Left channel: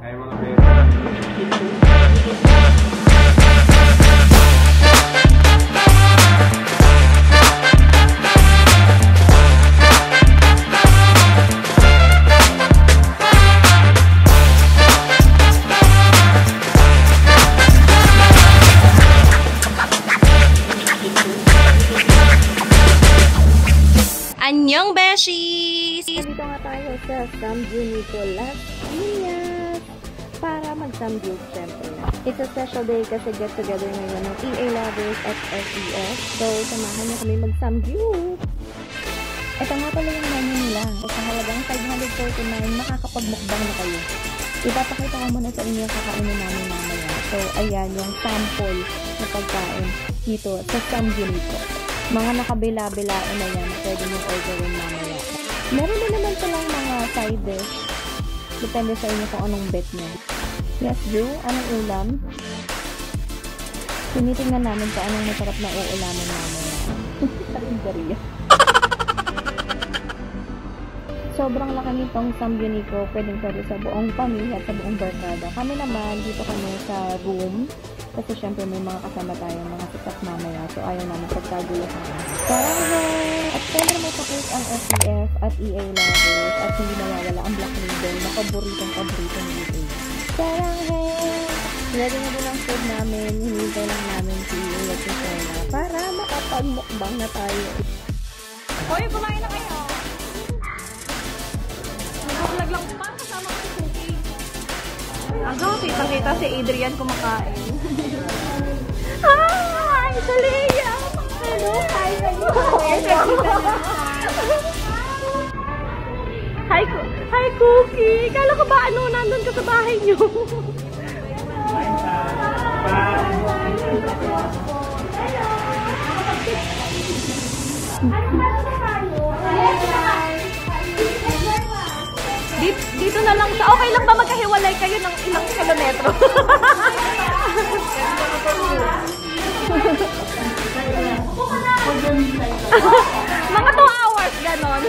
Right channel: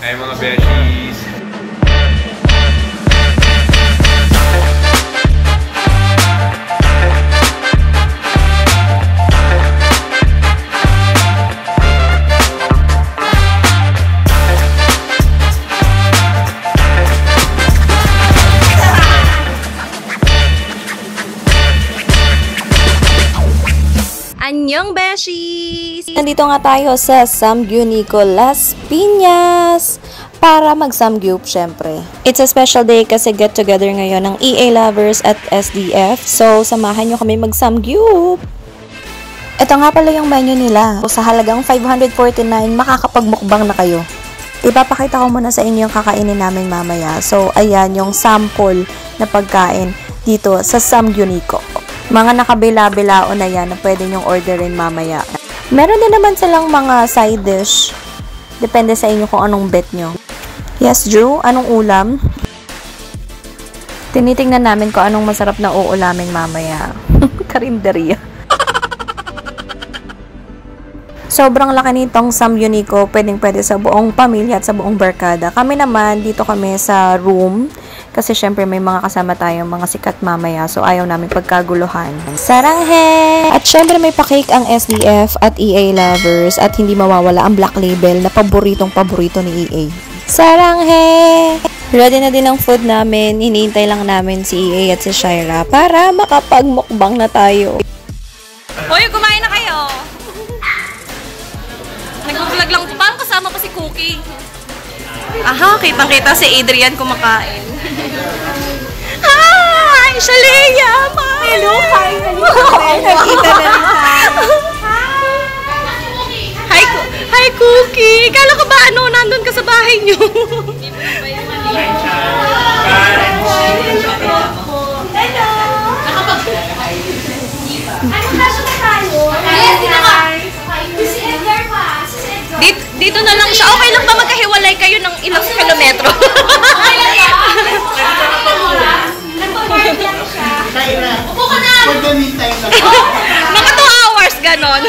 Ay mga besties. Anyong beshies! Nandito nga tayo sa Samgyup Las Piñas para mag-samgyup syempre. It's a special day kasi get together ngayon ng EA lovers at SDF. So, samahan nyo kami mag-samgyup! Ito nga pala yung menu nila. Sa halagang 549, makakapagmukbang na kayo. Ipapakita ko muna sa inyo yung kakainin namin mamaya. So, ayan yung sample na pagkain dito sa Samgyup. Mga nakabila-bilao na yan na pwede nyong orderin mamaya. Meron din naman silang mga side dish. Depende sa inyo kung anong bet nyo. Yes, Drew? Anong ulam? Tinitingnan namin kung anong masarap na uulamin mamaya. Karinderya. Sobrang laki nitong Samgyup. Pwedeng-pwede sa buong pamilya at sa buong barkada. Kami naman, dito kami sa room. Kasi syempre may mga kasama tayong mga sikat mamaya. So ayaw namin pagkaguluhan. Saranghe! At syempre may pa-cake ang SDF at EA lovers. At hindi mawawala ang Black Label na paboritong-paborito ni EA. Saranghe! Ready na din ang food namin. Hinihintay lang namin si EA at si Shira para makapagmukbang na tayo. Hoy, kumain na kayo! Nag-vlog lang pa. Kasama pa si Cookie. Aha, kitang-kita si Adrian kumakain. Hi! Shalea! Hello! Hi! Nakita na Hi, Cookie! Kala ko ba nandun ka sa bahay niyo? Dito na lang siya. Okay lang ba magkahiwalay kayo ng ilang kilometro? Mga 2 hours, ganon.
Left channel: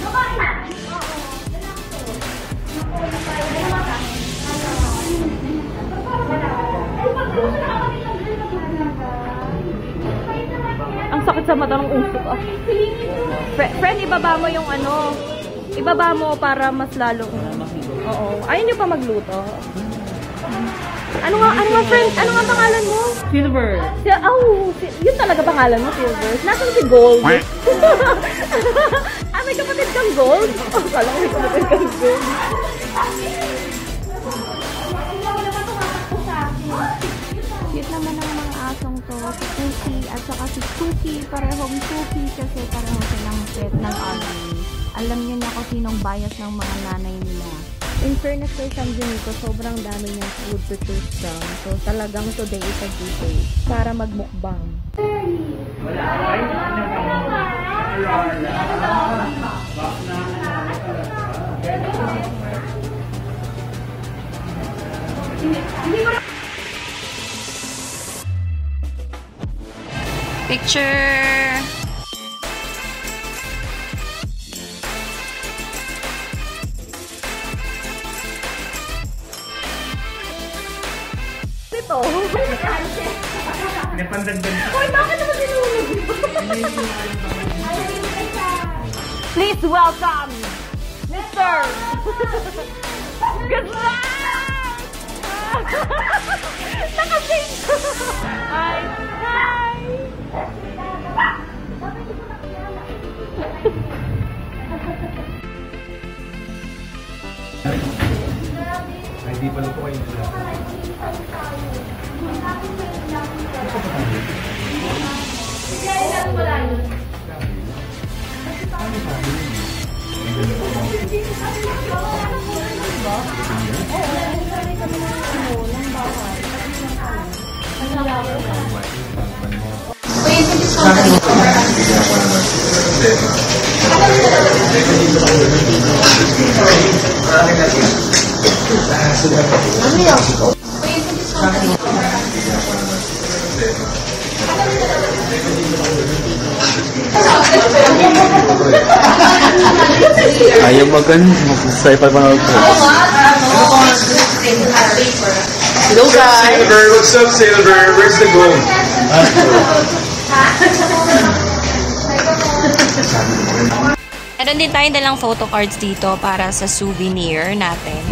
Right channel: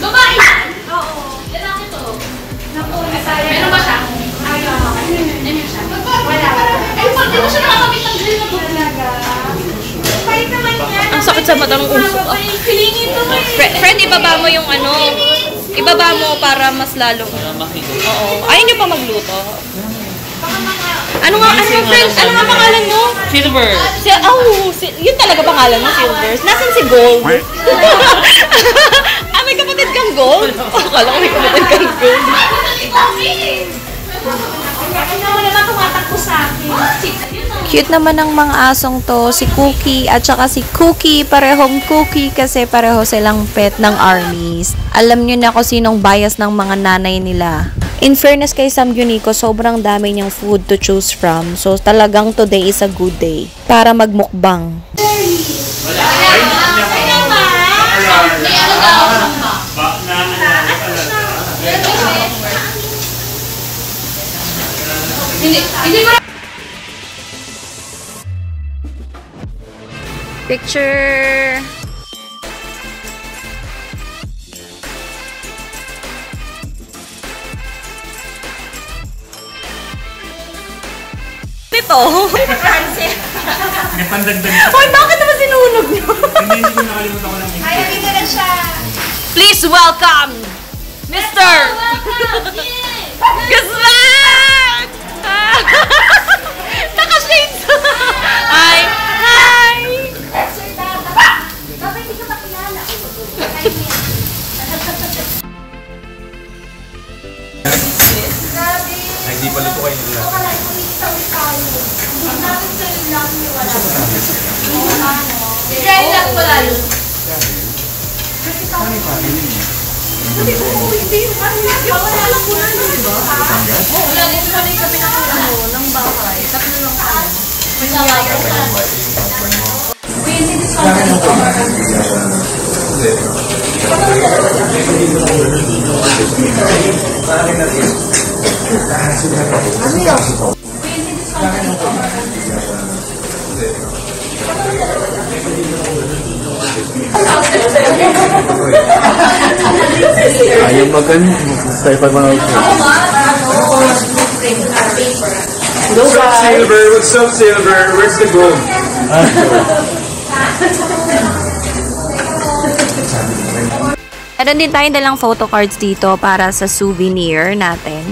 Babae yan? Oo. Lalaki to. Meron ba siya? Meron siya. Wala. Ay, pag di mo siya nakakamit ng grill na talaga. Ang sakit sa mata ng usok. Friend, ibaba mo yung ano. Ibaba mo para mas lalong. Oo. Ayaw nyo pa magluto. Ano nga pangalan mo? Silver. Yun talaga pangalan mo, Silver. Nasaan si Gold? May kapatid kang Gold? Akala ko may kapatid kang Gold. Cute naman ng mga asong to, si Cookie at saka si Cookie, parehong Cookie kasi pareho silang pet ng armies. Alam nyo na kung sinong bias ng mga nanay nila. In fairness kay Samgyup, sobrang dami niyang food to choose from. So talagang today is a good day para magmukbang. Picture. Ito. Hoy, bakit naman sinunog nyo? Please welcome Mr. Guzman! Naka-shades! Hi! Hi! Ay, di pala ito kayo nila. Ano Ayaw mag-sci-fi mga Hello guys! Silver, what's up Silver? Where's the gold? Meron din tayong dalang photo cards dito para sa souvenir natin.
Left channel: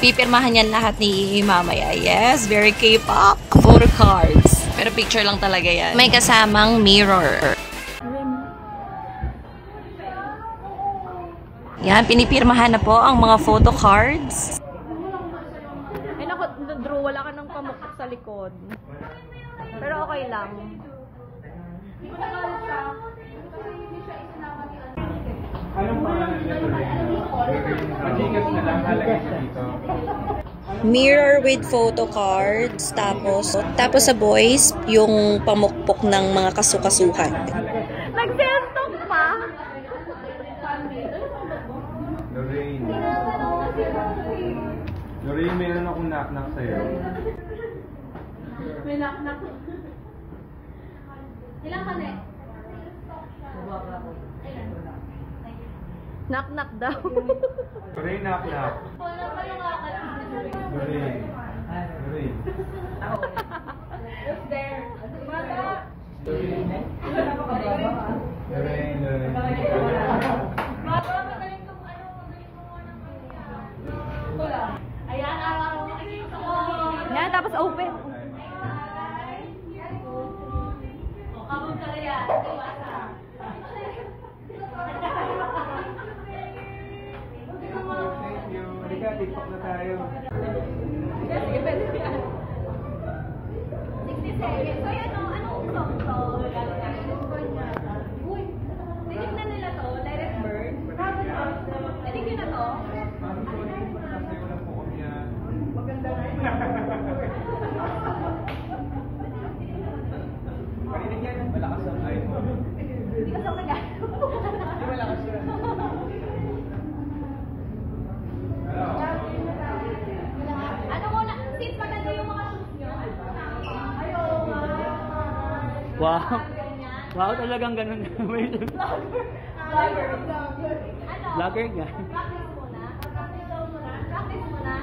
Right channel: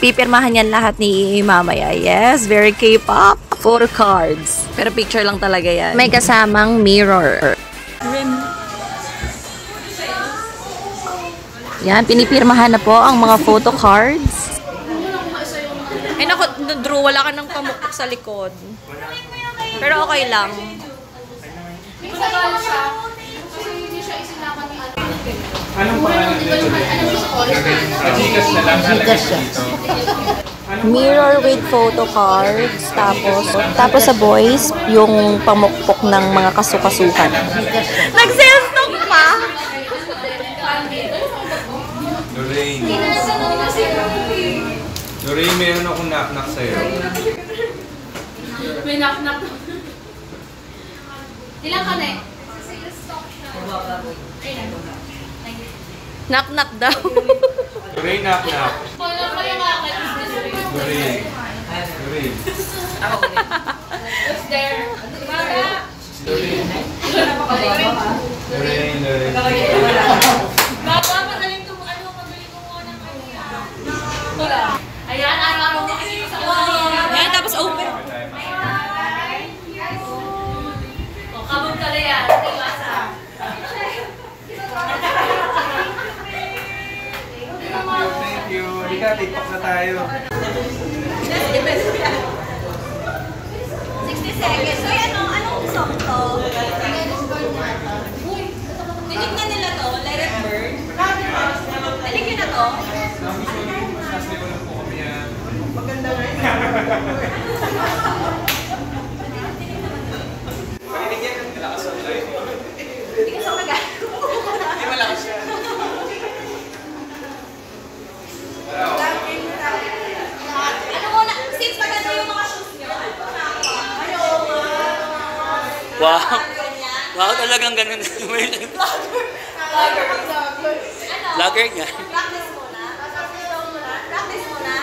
Pipirmahan yan lahat ni mamaya. Yes, very K-pop. Photo cards. Pero picture lang talaga yan. May kasamang mirror. Yan, pinipirmahan na po ang mga photo cards. Ay naku, Drew, wala ka ng pamukpok sa likod. Pero okay lang. Anong pangalan nito? Gcash na lang nalagay ko dito. Mirror with photo cards. Tapos sa boys, yung pamukpok ng mga kasukasukan. Nag-self-talk pa! Lorraine. Lorraine, meron akong knock-knock sa'yo. May knock-knock. Ilang ka na eh? Knock-knock daw. Lorraine, knock-knock. Wala pa yung akin. Lorraine. Lorraine. Who's there? Baga. Lorraine, Lorraine. Baga, magaling ko magaling ko muna ng kanya. Wala. Ayan, araw-araw makinig sa kanya. Yan, tapos open. Kabog ka na yan. Iwasa. Thank you. Hindi ka, TikTok na tayo. 60 seconds. So, anong song to? Tinignan nila to, Let It Burn. Tinignan na to. Sasli ko lang po kami yan. Pakinig yan. Malakas ang live. Hindi ka sa magal. Hindi malakas yan. Ano muna, since maganda yung mga shoes nyo, ano po na ako? Wow. Wow, talagang ganun. Vlogger. Ano? Vlogger nga. Practice muna. Practice muna.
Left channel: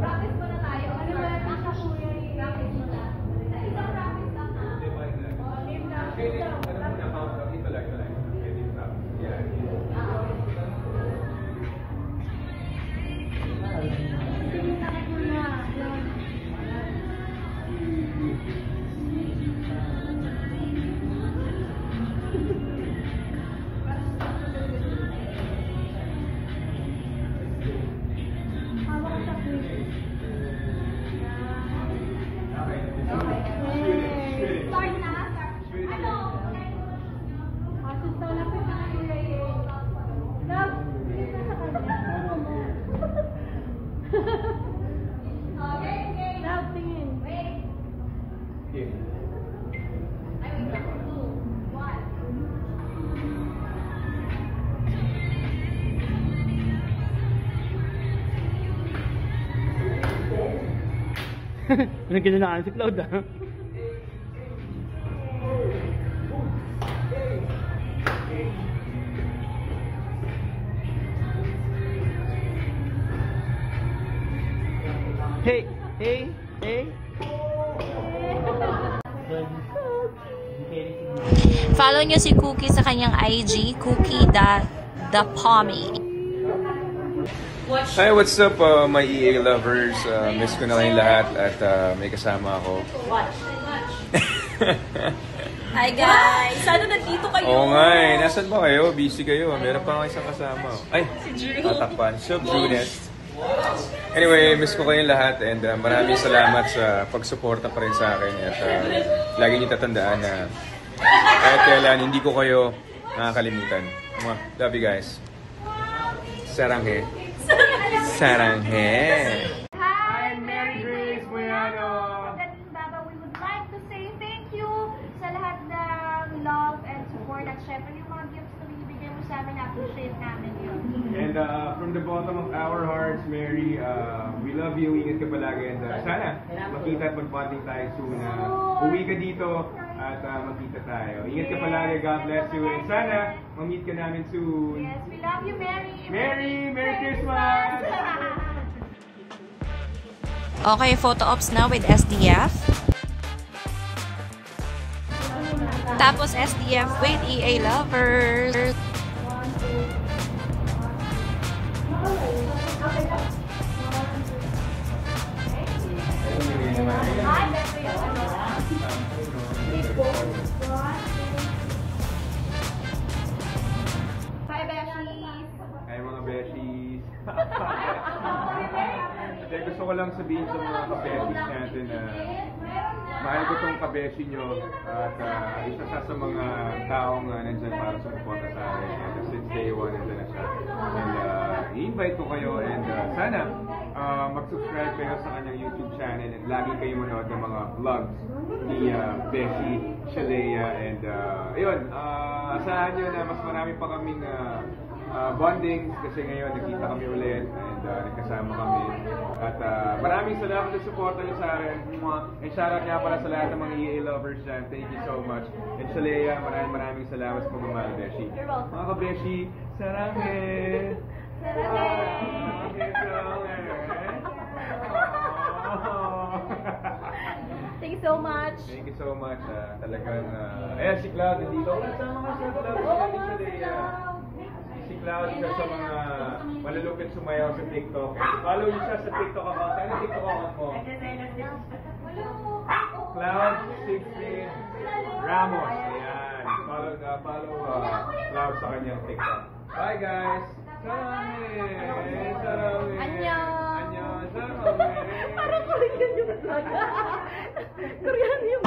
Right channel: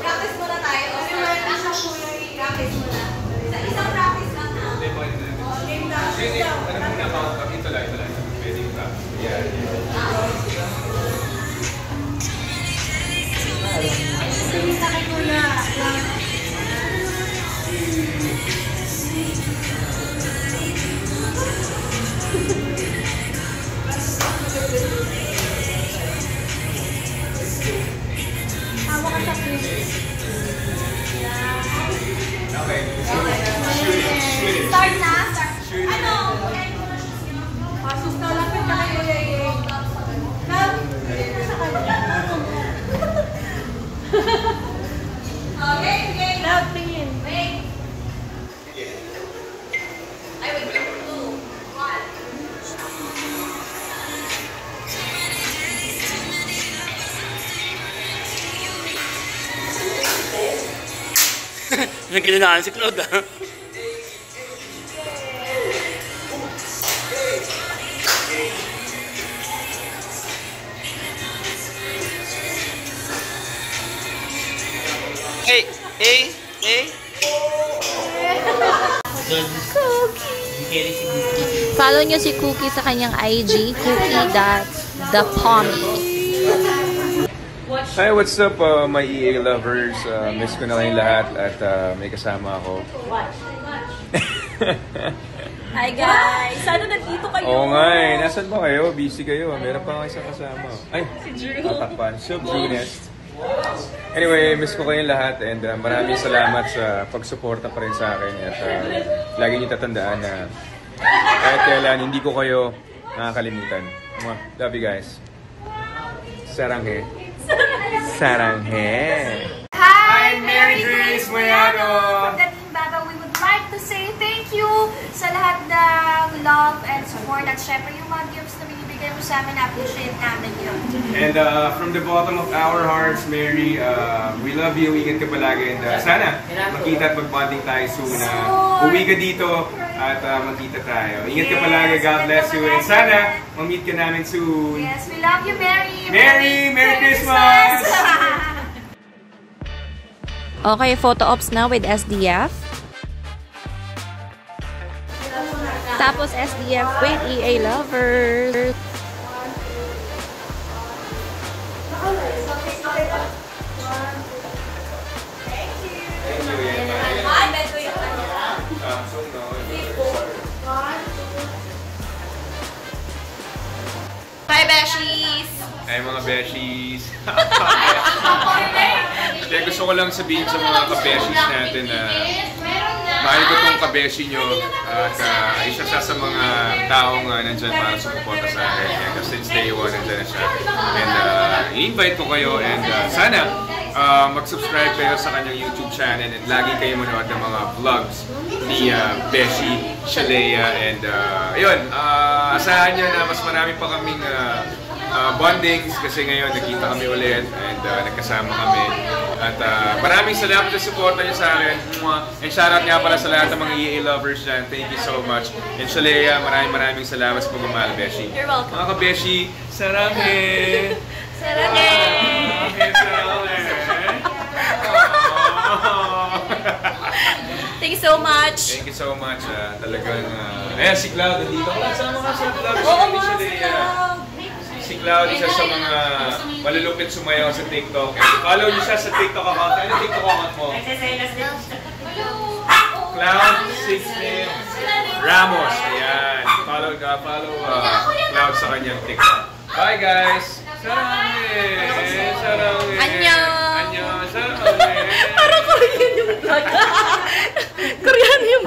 Practice muna tayo. Practice muna. Sa isang practice lang ha. Ano muna, count. Ito lang. Pwede yung practice. Yeah. Okay. Start na. Ano? Asus na lapit ka kayo yay. Okay, okay. Loud tingin. Wait. Ay, wait. 2, 1. Nagkinanaan si Claude ah. Hey, hey, hey. Follow nyo si Cookie sa kanyang IG, cookie.thepommy. Hi, what's up my EA lovers? Miss ko na kayong lahat at may kasama ako. Hi guys! Sana nandito kayo? Oo nga eh. Nasaan ba kayo? Busy kayo. Meron pa nga isang kasama. Ay, tatakpan. So, Brunest. Anyway, miss ko kayong lahat and maraming salamat sa pagsuporta pa rin sa akin at lagi niyo tatandaan na kahit kailan hindi ko kayo nakakalimutan. Love you guys. Saranghe. Saranghe. Hi, Mary Grace Mayano. From the Team Baba, we would like to say thank you sa lahat ng love and support at syempre yung mga gifts na binibigay mo sa amin, appreciate namin yun. And from the bottom of our hearts, Mary, we love you. Ingat ka palagi. And sana makita at mag-bonding tayo soon. Uwi ka dito at magkita tayo. Ingat ka palagi. God bless you. And sana, ma-meet ka namin soon. Yes, we love you, Mary. Merry Christmas! Okay, photo ops na with SDF. Tapos SDF with EA Lovers. Bye, Beshies! Ay, mga beshies. Kaya gusto ko lang sabihin sa mga kabeshies natin na mahal ko tong kabeshi nyo at isa siya sa mga taong nandyan para sumuporta sa akin. And since day one, nandyan na siya. And i-invite ko kayo and sana mag-subscribe kayo sa kanyang YouTube channel and lagi kayo manood ng mga vlogs ni Beshi, Shalea, and ayun, asahan nyo na mas marami pa kaming bondings kasi ngayon nagkita kami ulit and nagkasama kami. At maraming salamat sa suporta niyo sa akin. And shoutout nga pala sa lahat ng mga EA lovers dyan. Thank you so much. And Shalea, maraming salamat sa pagmamahal, Beshi. You're welcome. Mga ka-Beshi, saranghe! Saranghe! Saranghe! Thank you so much. Thank you so much. Talagang, ayan si Cloud, nandito. Sama ka sa vlog ni Shalea. Si Cloud, isa sa mga malulupit sumayaw sa TikTok. Follow niyo siya sa TikTok account. Ano TikTok account mo? Cloud16 Ramos. Ayan. Follow Cloud sa kanyang TikTok. Bye guys! Saranghe! Saranghe! Annyeong! Annyeong! Saranghe! Parang Korean yung vlog. Korean yung